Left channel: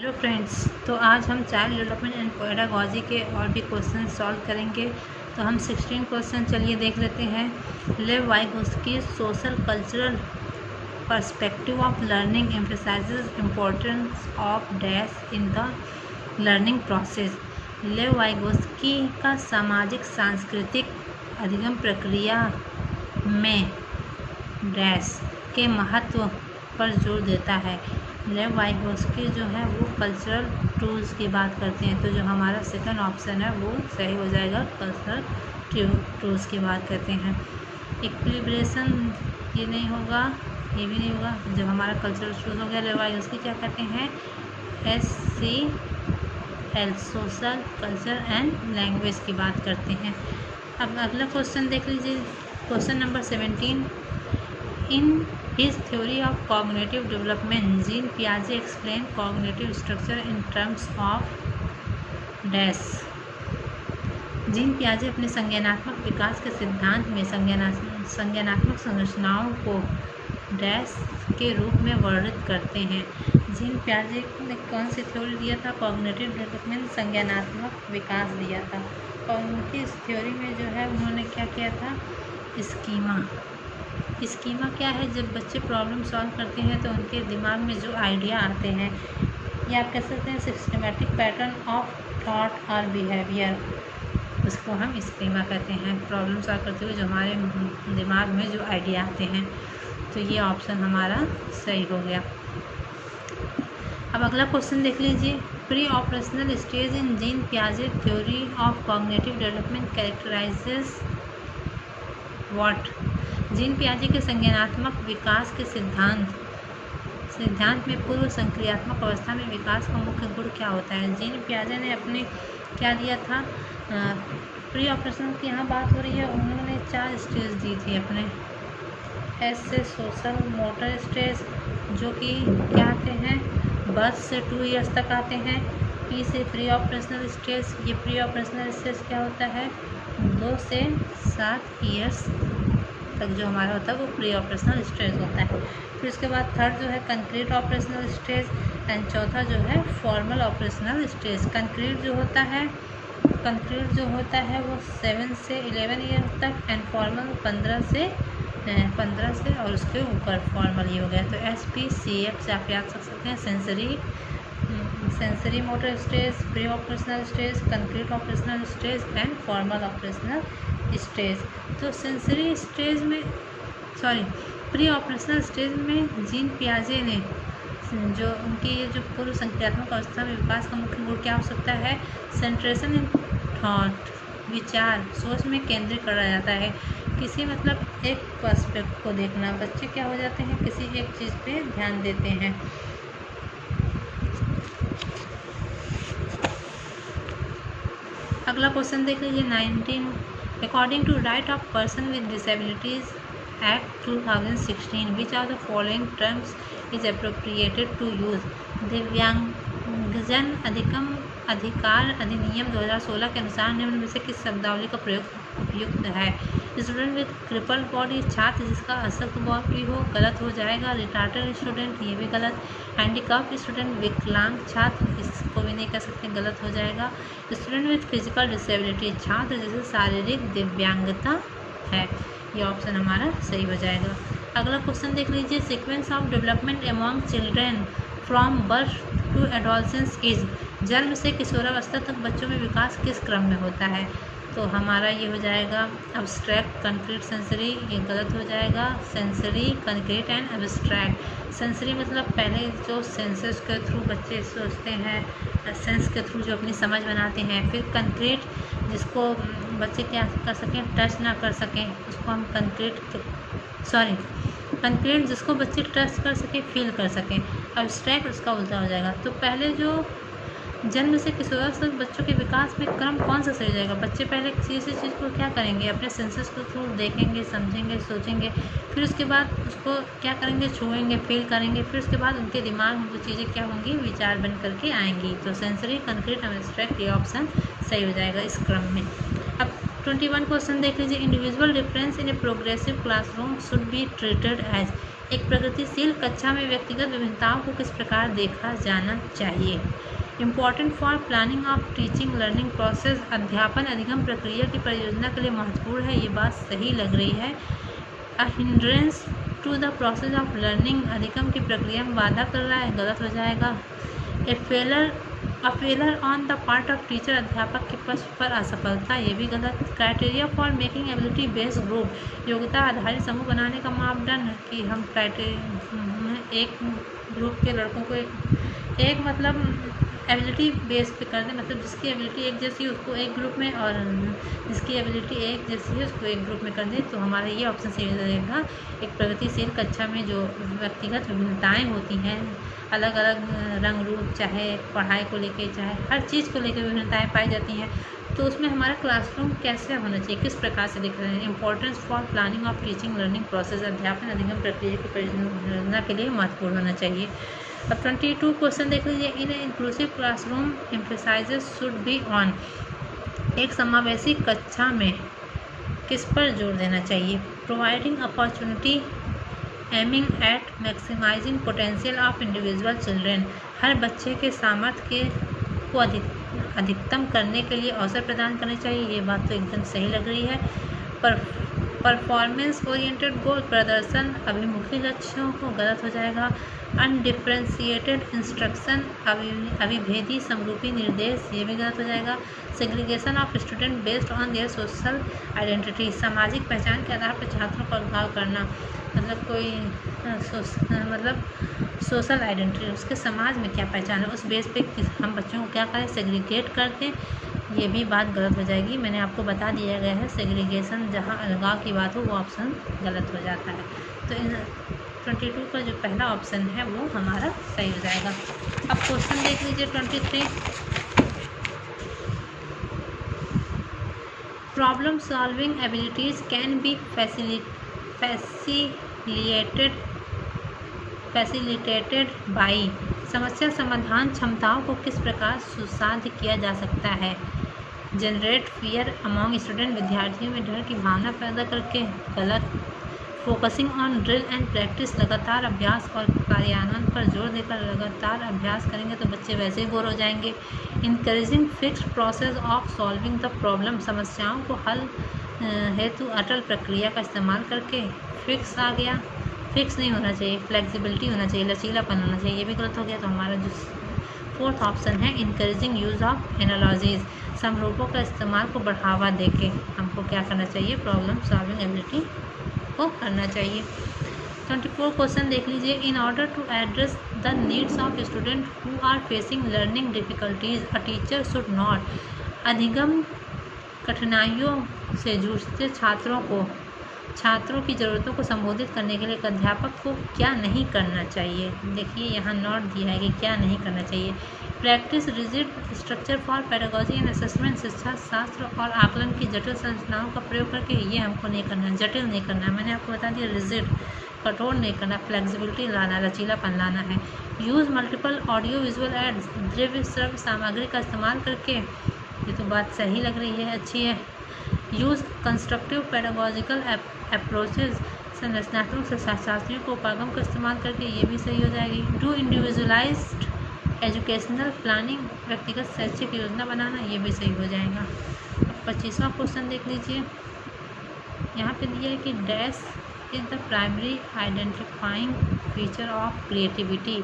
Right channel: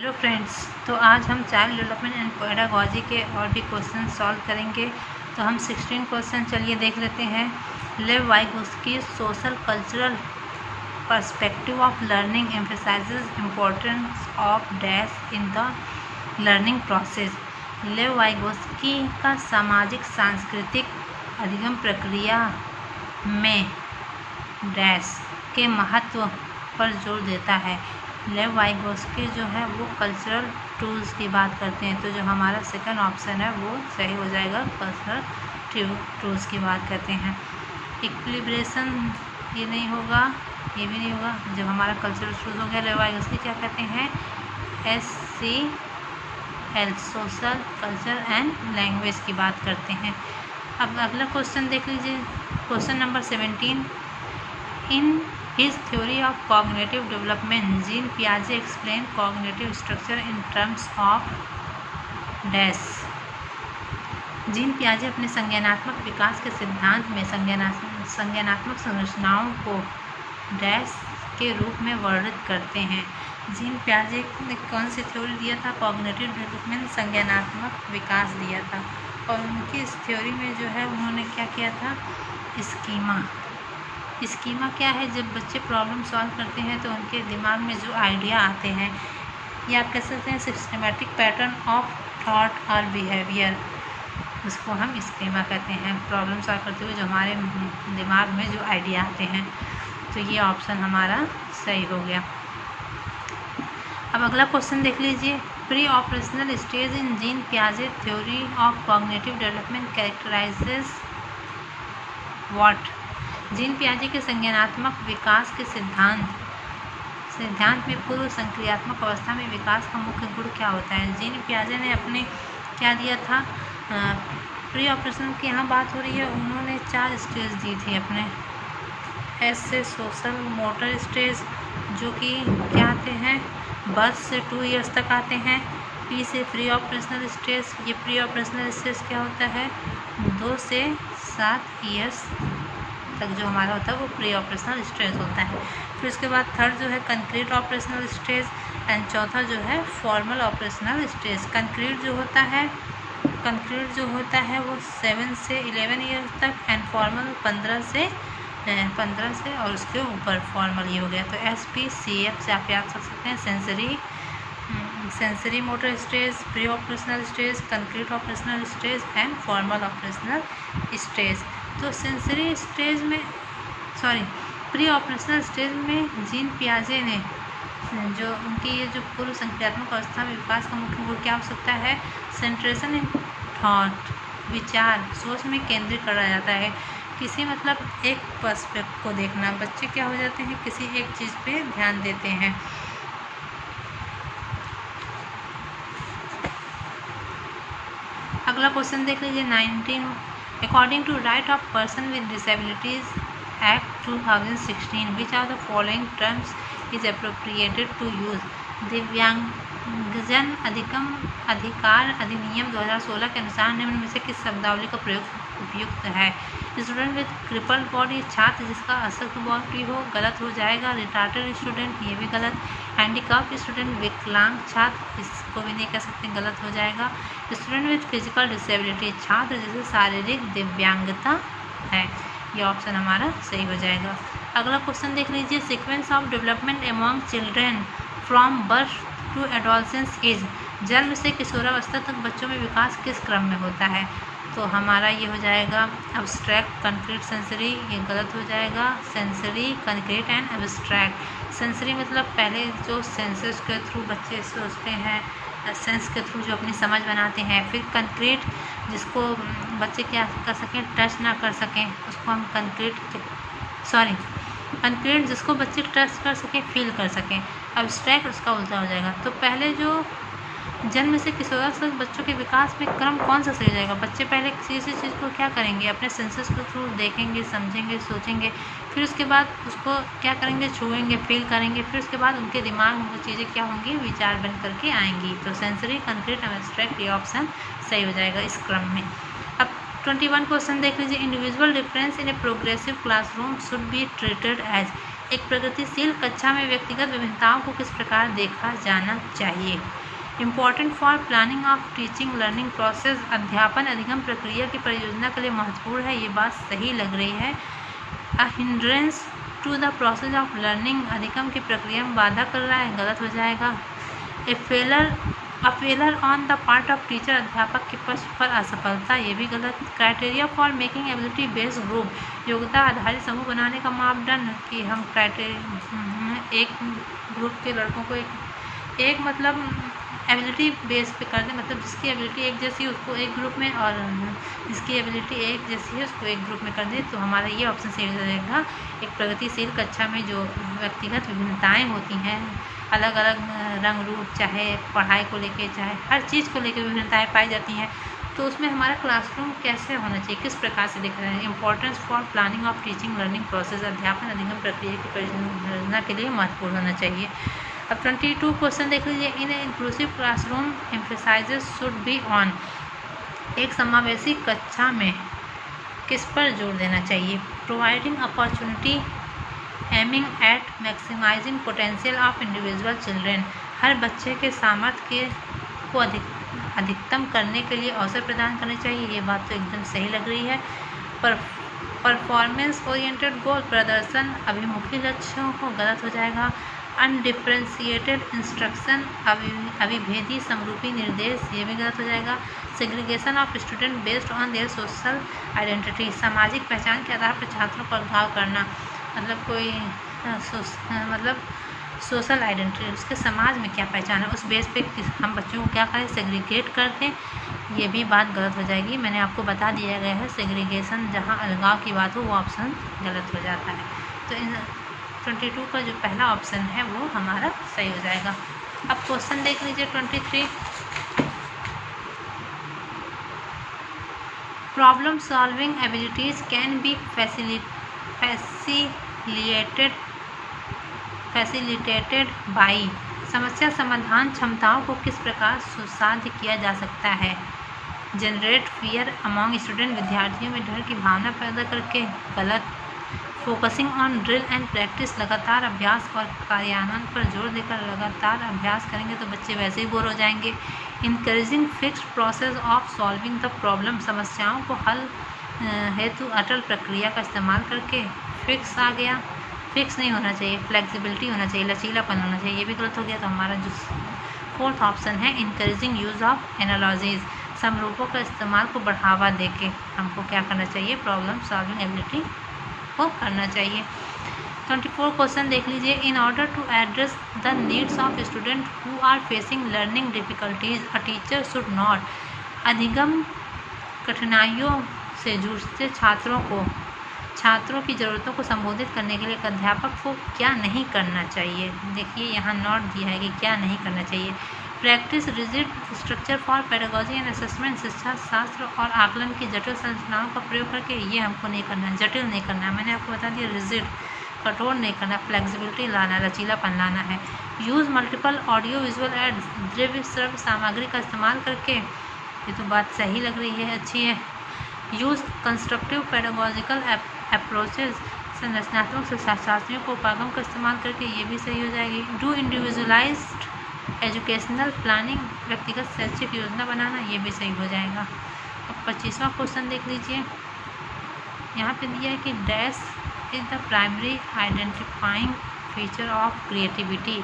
Hello friends, तो आज हम चाइल्ड डेवलपमेंट एंड पेडागॉजी के और भी क्वेश्चन सॉल्व करेंगे। तो हम 16 क्वेश्चन चलिए देख लेते हैं। लेव Vygotsky social cultural perspective of learning emphasises importance of dash in the learning process. लेव वाइगोस्की का सामाजिक सांस्कृतिक अधिगम प्रक्रिया में डैश के महत्व पर जोर देता है। लेव वाइगोस्की जो है वो कल्चरल टूल्स की बात करते हैं, तो जो हमारा सेकंड ऑप्शन है वो सही हो जाएगा। कल्चरल टूल्स की बात करते हैं। इक्विलिब्रेशन ये नहीं होगा, ये भी नहीं होगा। जब हमारा कल्चरल टूल्स हो गया, लेव वाइगोस्की क्या कहते हैं? SCL social culture and language की बात करते हैं। अब अगला क्वेश्चन देख लीजिए, question number 17। In his theory of cognitive development, Jean Piaget explained cognitive structure in terms of dash। Jean पियाजे अपने संज्ञानात्मक विकास के सिद्धांत में संज्ञानात्मक संरचनाओं को डैश के रूप में वर्णित करते हैं। जीन पियाजे ने कौन सी थ्योरी दिया था? कॉग्निटिव डेवलपमेंट, संज्ञानात्मक विकास दिया था। और उनकी इस थ्योरी में जो है उन्होंने क्या किया था? स्कीमा क्या है? जब बच्चे प्रॉब्लम सॉल्व करते हैं तो उनके दिमाग में जो आइडिया आते हैं, या आप कह सकते हैं सिस्टमेटिक पैटर्न ऑफ थॉट और बिहेवियर, उसको हम स्कीमा कहते हैं। प्रॉब्लम सॉल्व करते हुए जो हमारे दिमाग में जो आइडिया आते हैं, तो ये ऑप्शन हमारा सही हो गया। अब अगला क्वेश्चन देख लीजिए। Pre operational stage in Jean Piaget theory of cognitive development characterises what. Jean पियाजे के संज्ञानात्मक विकास के सिद्धांत में पूर्व संक्रियात्मक अवस्था में विकास का मुख्य गुण क्या होता है? जीन पियाजे ने अपने क्या दिया था? प्री ऑपरेशनल की यहाँ बात हो रही है, उन्होंने 4 स्टेज दी थी अपने। एस से सोशल मोटर स्टेज, जो कि क्या आते हैं? बर्थ से 2 ईयर्स तक आते हैं। पी से प्री ऑपरेशनल स्टेज, ये प्री ऑपरेशनल स्टेज क्या होता है? 2 से 7 ईयर्स तक जो हमारा होता है वो प्री ऑपरेशनल स्टेज होता है। फिर उसके बाद थर्ड जो है कंक्रीट ऑपरेशनल स्टेज, एंड चौथा जो है फॉर्मल ऑपरेशनल स्टेज। कंक्रीट जो होता है वो 7 से 11 ईयर्स तक, एंड फॉर्मल 15 से और उसके ऊपर फॉर्मल ही हो गया। तो SPCF से आप याद कर सकते हैं। Sensory motor stage, pre operational stage, concrete operational stage and formal operational stage. तो प्री ऑपरेशनल स्टेज में जीन पियाजे ने जो उनकी ये जो पूर्व संक्रियात्मक अवस्था में विकास का मुख्य गुण क्या हो सकता है? सेंट्रेशन इन थॉट, विचार सोच में केंद्रित करा जाता है। किसी मतलब एक पर्सपेक्टिव को देखना, बच्चे क्या हो जाते हैं? किसी एक चीज़ पे ध्यान देते हैं। अगला क्वेश्चन देख लीजिए 19। According to right of person with disabilities act 2016, which are the following terms is appropriated to use. दिव्यांगजन अधिकार अधिनियम 2016 के अनुसार निम्न में से किस शब्दावली का प्रयोग उपयुक्त है? स्टूडेंट विद क्रिपल बॉडी, छात्र जिसका अशक्त बॉडी हो, गलत हो जाएगा। रिटार्टेड स्टूडेंट, ये भी गलत। हैंडीकैप स्टूडेंट, विकलांग छात्र, इसको भी नहीं कह सकते, गलत हो जाएगा। स्टूडेंट विद फिजिकल डिसेबिलिटी, छात्र जिसे शारीरिक दिव्यांगता है, ये ऑप्शन हमारा सही हो जाएगा। अगला क्वेश्चन देख लीजिए। Sequence of development among children from birth to adolescence age, जन्म से किशोरावस्था तक बच्चों में विकास किस क्रम में होता है? तो हमारा ये हो जाएगा एब्स्ट्रैक्ट, कंक्रीट, सेंसरी, ये गलत हो जाएगा। Sensory, concrete and abstract. Sensory मतलब पहले जो सेंसेस के थ्रू बच्चे सोचते हैं, सेंस के थ्रू जो अपनी समझ बनाते हैं। फिर कंक्रीट, जिसको बच्चे क्या कर सकें? टच ना कर सकें, उसको हम कंक्रीट जिसको बच्चे टच कर सकें, फील कर सकें। एब्स्ट्रैक्ट उसका उल्टा हो जाएगा। तो पहले जो जन्म से किशोरावस्था तक बच्चों के विकास में क्रम कौन सा सही हो जाएगा? बच्चे पहले किसी चीज़ को क्या करेंगे? अपने सेंसेस के थ्रू देखेंगे, समझेंगे, सोचेंगे। फिर उसके बाद उसको क्या करेंगे? छुएंगे, फील करेंगे। फिर उसके बाद उनके दिमाग में वो चीज़ें क्या होंगी? विचार बन करके आएंगी। तो सेंसरी, कंक्रीट, एब्स्ट्रैक्ट, ये ऑप्शन सही हो जाएगा इस क्रम में। अब 21 क्वेश्चन देख लीजिए। Individual difference in a progressive classroom should be treated as, एक प्रगतिशील कक्षा में व्यक्तिगत विभिन्नताओं को किस प्रकार देखा जाना चाहिए। Important for planning of teaching learning process, अध्यापन अधिगम प्रक्रिया की परियोजना के लिए महत्वपूर्ण है। ये बात सही लग रही है। A hindrance to the process of learning, अधिगम की प्रक्रिया में बाधा कर रहा है, गलत हो जाएगा। A failure on the part of teacher, अध्यापक के पक्ष पर असफलता, ये भी गलत। Criteria for making ability based group, योग्यता आधारित समूह बनाने का मापदंड कि हम एक ग्रुप के लड़कों को एक मतलब एबिलिटी बेस पे कर दें, मतलब जिसकी एबिलिटी एक जैसी है उसको एक ग्रुप में और जिसकी एबिलिटी एक जैसी है उसको एक ग्रुप में कर दें, तो हमारा ये ऑप्शन सही रहेगा। एक प्रगतिशील कक्षा में जो व्यक्तिगत विभिन्नताएँ होती हैं, अलग अलग रंग रूप, चाहे पढ़ाई को लेके चाहे हर चीज़ को लेकर विभिन्नताएँ पाई जाती हैं, तो उसमें हमारा क्लासरूम कैसे होना चाहिए, किस प्रकार से दिख रहे हैं। Importance for planning of teaching learning process, अध्यापन अधिगम प्रक्रिया की परियोजना के लिए महत्वपूर्ण होना चाहिए। अब 22 क्वेश्चन देख लीजिए। In inclusive classroom emphasises should be on, एक समावेशी कक्षा में किस पर जोर देना चाहिए। Providing opportunity aiming at maximising potential of individual children, हर बच्चे के सामर्थ्य को अधिकतम करने के लिए अवसर प्रदान करने चाहिए। ये बात तो एकदम सही लग रही है। परफॉर्मेंस ओरिएंटेड गोल, प्रदर्शन अभिमुखी लक्ष्यों को, गलत हो जाएगा। अनडिफ्रेंशिएटेड इंस्ट्रक्शन, अविभेदी समरूपी निर्देश, ये भी गलत हो जाएगा। Segregation of student based on their social identity, सामाजिक पहचान के आधार पर छात्रों को अलगाव करना, मतलब कोई मतलब सोशल आइडेंटिटी, उसके समाज में क्या पहचान है उस बेस पे हम बच्चों को क्या करें, सेग्रीगेट कर दें, ये भी बात गलत हो जाएगी। मैंने आपको बता दिया गया है, सेग्रीगेशन जहाँ अलगाव की बात हो वो ऑप्शन गलत हो जाता है। तो इन 22 का जो पहला ऑप्शन है वो हमारा सही हो जाएगा। अब क्वेश्चन देख लीजिए 23। Problem solving abilities can be facilitated by, समस्या समाधान क्षमताओं को किस प्रकार सुसाध्य किया जा सकता है। जनरेट फियर अमॉन्ग स्टूडेंट, विद्यार्थियों में डर की भावना पैदा करके, गलत। Focusing on drill and practice, लगातार अभ्यास और कार्यान्वयन पर जोर देकर लगातार अभ्यास करेंगे तो बच्चे वैसे ही बोर हो जाएंगे। Encouraging fixed process of solving the problem, समस्याओं को हल हेतु अटल प्रक्रिया का इस्तेमाल करके, फिक्स आ गया, फिक्स नहीं होना चाहिए, फ्लेक्सिबिलिटी होना चाहिए, लचीलापन होना चाहिए, ये भी गलत हो गया। तो हमारा जो फोर्थ ऑप्शन है इनकरेजिंग यूज़ ऑफ एनालॉजीज, समरूपों का इस्तेमाल को बढ़ावा देके हमको क्या करना चाहिए, प्रॉब्लम सॉल्विंग एबिलिटी को करना चाहिए। 24 क्वेश्चन देख लीजिए। In order to address the needs of student who are facing learning difficulties, a teacher should not, अधिगम कठिनाइयों से जूझते छात्रों की ज़रूरतों को संबोधित करने के लिए एक अध्यापक को क्या नहीं करना चाहिए। देखिए यहाँ नोट दिया है कि क्या नहीं करना चाहिए। Practice rigid structure for pedagogy and assessment, शिक्षा शास्त्र और आकलन की जटिल संरचनाओं का प्रयोग करके, ये हमको नहीं करना है, जटिल नहीं करना है। मैंने आपको बता दिया रिजिड, कठोर नहीं करना, फ्लेक्सिबिलिटी लाना, लचीलापन लाना है। Use multiple audio visual aids, द्रव्य श्रव्य सामग्री का इस्तेमाल करके, ये तो बात सही लग रही है, अच्छी है। यूज़ कंस्ट्रक्टिव पेडागोजिकल अप्रोचेज, संरचनात्मक शास्त्रियों को उपागम का इस्तेमाल करके, ये भी सही हो जाएगी। डू इंडिविजुअलाइज्ड एजुकेशनल प्लानिंग, व्यक्तिगत शैक्षिक योजना बनाना, ये भी सही हो जाएगा। अब 25वां क्वेश्चन देख लीजिए। यहाँ पे दिया है कि dash is the primary identifying feature of creativity,